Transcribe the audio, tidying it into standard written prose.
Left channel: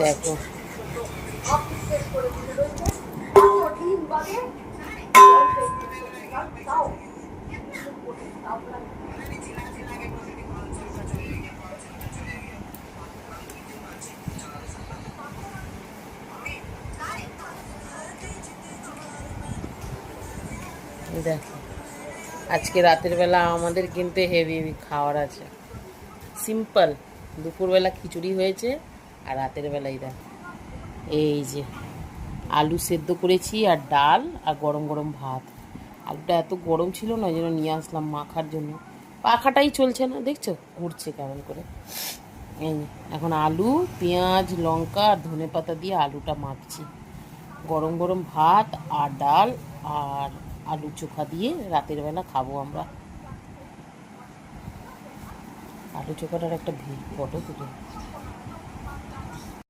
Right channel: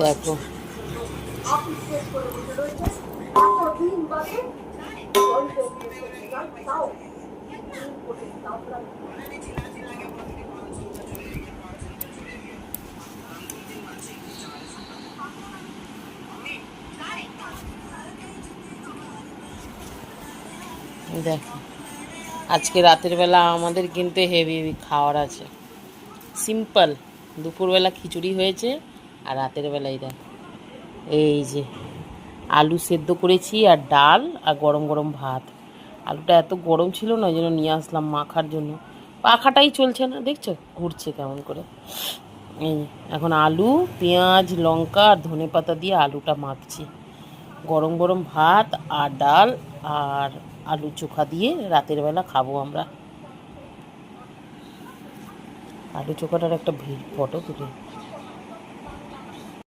দেখো দেখো আজকে রাতের বেলা আমাদের কিন্তু হেভি হেভি খাওয়ার আছে। সিম্পল দুপুরবেলা খিচুড়ি হয়েছে, আর রাতের বেলায় দেখো এই যে আলু সেদ্ধ করেছি আর ডাল আর গরম গরম ভাত। আলুটা এত গরম ছিল না, ওই জন্য নিয়ে আসলাম মাখার জন্য। পাখাটাই চলছে না, দেখছো ঘুরছে কেমন করে। এই এখন আলু পেঁয়াজ লঙ্কা আর ধনে পাতা দিয়ে আলুটা মাখছি। গরম গরম ভাত আর ডাল আর আলু চোখা দিয়ে রাতের বেলা খাবো আমরা। আলু চোখাটার একটা ফটো তুলি।